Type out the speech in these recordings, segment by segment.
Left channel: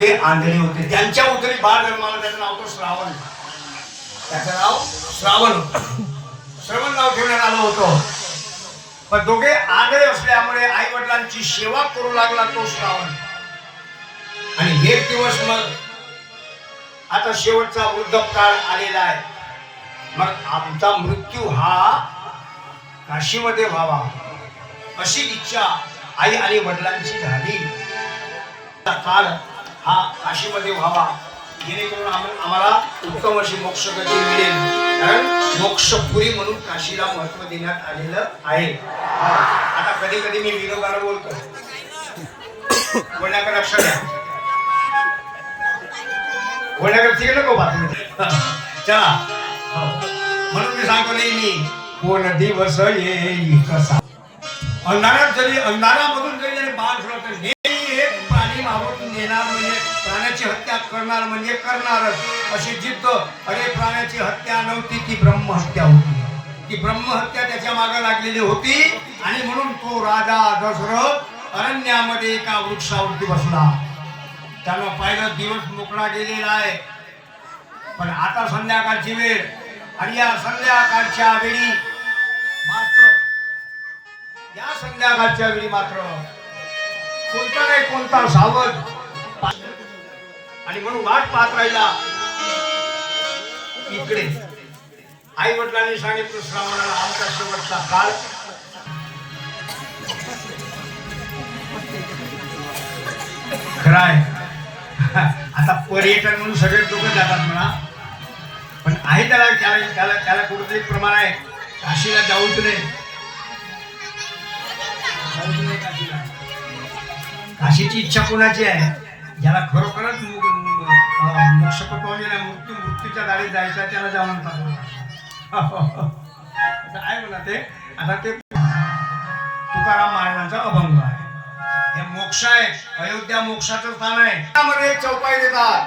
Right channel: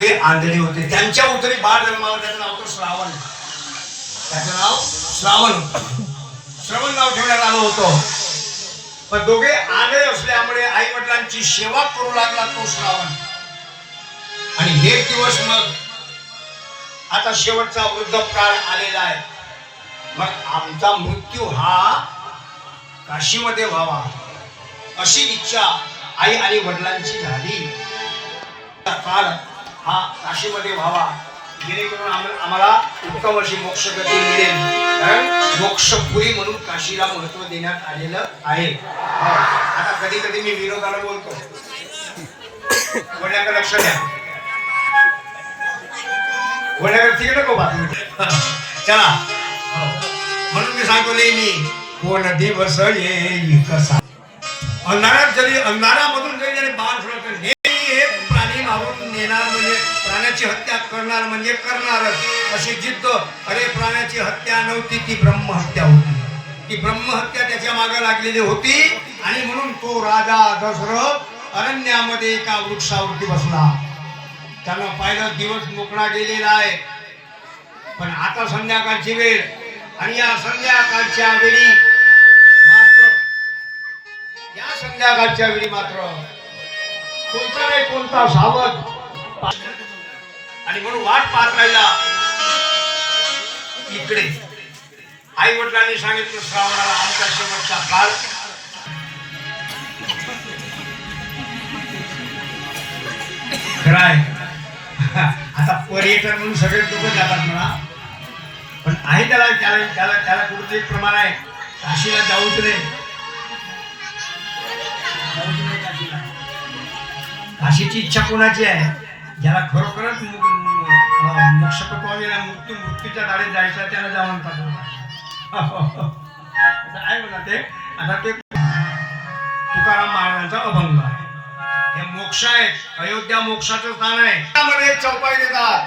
ते आंधळे होते, त्यांच्या उतरी बाळ जन्माला, त्याचं नाव तो श्रावण. त्याचं नाव श्रावण होतं. श्रवण नाव ठेवण्यात आलं होतं. पण दोघे आंधळे असल्यामुळे आई वडिलांची सेवा करू लागला तो श्रावण. आणि एक दिवस मग आता शेवटचा वृद्धकाळ आलेला आहे. मग आमचा मृत्यू हा काशीमध्ये व्हावा अशी इच्छा आई आणि वडिलांची झाली. काळ हा काशीमध्ये व्हावा जेणेकरून आम्हाला उत्तम अशी मोक्षगती मिळेल. कारण मोक्षपुरी म्हणून काशीला महत्व देण्यात आलेलं आहे. आता कधी कधी मी विरोधाला बोलतो, बोलण्याकडे लक्ष द्या. बोलण्याकडे ठीक नको बातमी. चला, म्हणून मी सांगतो नेहमी, कोण दिवस येईल कसा अंधारात जरी अंधारामधून जरी बाण सोडत प्राणी मारून नेणार म्हणजे प्राण्याची हत्या करणार म्हणजे करणारच अशी जिद्द. अरे प्राण्याची हत्या नव्हती, ती ब्रह्महत्या होती. ती ब्रह्महत्या त्याच्या मागे लागलेली होती. आणि म्हणून तो राजा दशरथ अरण्यामध्ये एका वृक्षावरती बसला. त्याला पाहिलं दिवस मोकळा गेलेला आहे. पण आता संध्याकाळची वेळ, आणि या संध्याकाळच्या वेळी मात्र कोणता नाही कोणता सावध, आणि म्हणून वाट पाहत राहिला. इकडे आई वडिलांनी सांगितलं श्रावणाला आमचा शेवटचा काळ. खरंय, आता पर्यटन म्हणून सगळे लोक जातात म्हणा, पण आहे त्याला त्याला त्याला त्याला कुठेतरी प्रमाण आहे. काशीला जाऊच रे, काशीची इच्छा कोणाची आहे? ज्याला खरोखरच मोक्षपटवाने मृत्यूच्या दारी जायचं त्याला जाऊन आहे म्हणा. ते आता ते तुकाराम महाराजांचा अभंग आहे. हे मोक्ष आहे, अयोध्या मोक्षाचं स्थान आहे. त्यामध्ये चौपाई देतात,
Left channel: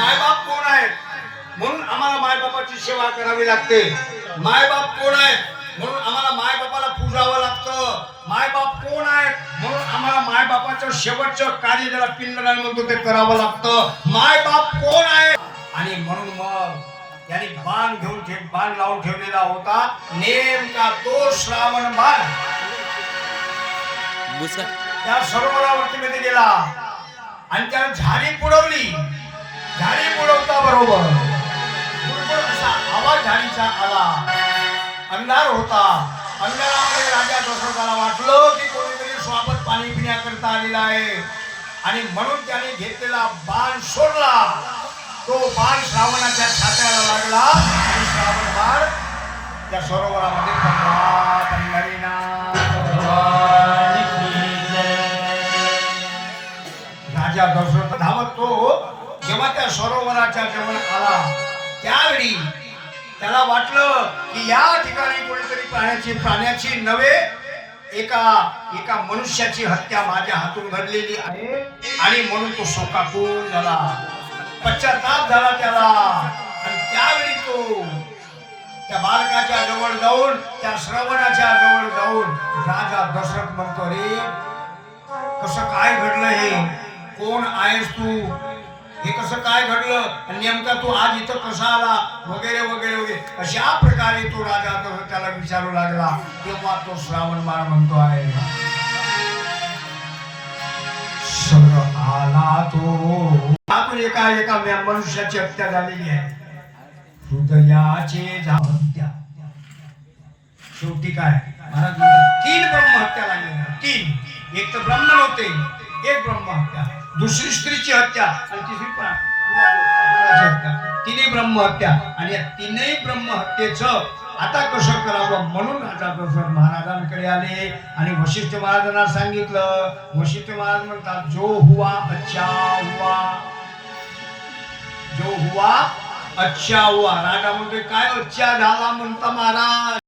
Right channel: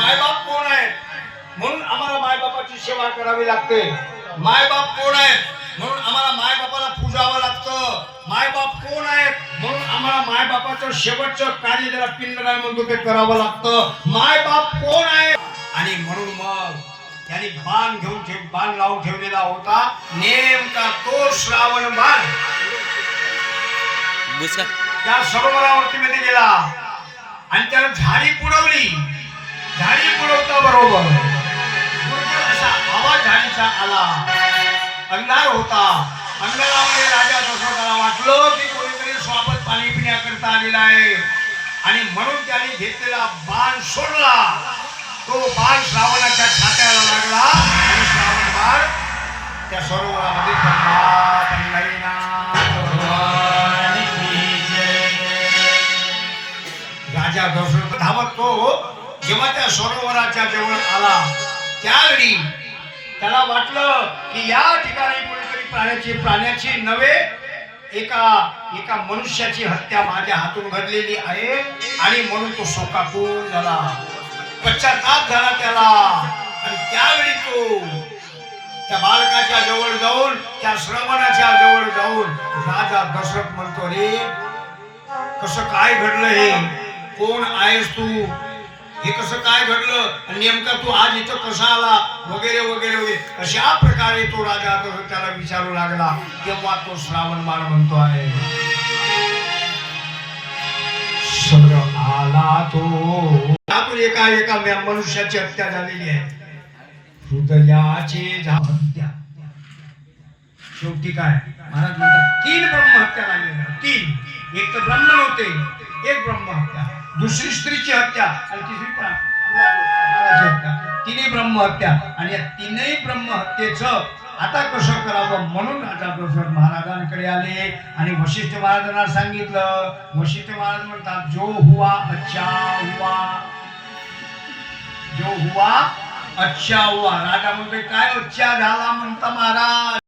मायबाप कोण आहेत म्हणून आम्हाला मायबापाची सेवा करावी लागते. मायबाप कोण आहेत म्हणून आम्हाला मायबापाला पूजावं लागतं. मायबाप कोण आहेत म्हणून आम्हाला मायबापाचं शेवटचं कार्य ज्याला पिंडदान म्हणतो ते करावं लागतं. मायबाप कोण आहे? आणि म्हणून मग त्यांनी बाण लावून ठेवलेला होता, नेमका तो श्रावण बाण त्या सरोवरावरती मध्ये गेला आणि त्याला झाडी पुरवली. झाडी पुरवता बरोबर आवाज झाडीचा आला. अंधार होता. अंधारामध्ये राजा दशरथाला वाटलं की कोणीतरी स्वागत पाणी पिण्याकरता आलेला आहे. आणि म्हणून त्याने घेतलेला बाण सोडला. तो बाण श्रावणाच्या छात्याला लागला आणि श्रावण बाण त्या सरोवरामध्ये पडला. राजा दशरथ धावत तो जेव्हा त्या सरोवराच्या जवळ आला त्यावेळी त्याला वाटलं की या ठिकाणी कोणीतरी प्राण्याची नव्हे एका मनुष्याची हत्या माझ्या हातून घडलेली आहे. आणि म्हणून तो शोकाकुल झाला, पश्चाताप झाला त्याला. आणि त्यावेळी तो त्या बालकाच्या जवळ जाऊन, त्या श्रवणाच्या जवळ जाऊन राजा दशरथ म्हणतो, रे कसं काय घडलं हे? कोण आहेस तू? हे कसं काय घडलं? नेमका तू आज इथं कसा आला? वगैरे वगैरे वगैरे अशा प्रकारे तो राजा त्याला विचारू लागला. तेव्हा तो श्रावण बाळ म्हणतो आहे, आला तो एका मनुष्याची हत्या झालेली आहे. हृदयाचे हत्या. शेवटी काय महाराज म्हणतात, 3 ब्रह्महत्या लागलेल्या. 3. एक तर ब्राह्मण होते, एक ब्रह्महत्या, दुसरी स्त्रीची हत्या आणि तिसरी हत्या. 3 ब्रह्महत्या. आणि या 3ही ब्रह्महत्येचं आता कसं करावं म्हणून राजा दशरथ महाराजांकडे आले आणि वशिष्ठ महाराजांना सांगितलं. वशिष्ठ महाराज म्हणतात, जो हुआ अच्छा हुआ, जो हुआ अच्छा हुआ. राजा म्हणतोय, काय अच्छा झाला म्हणता महाराज?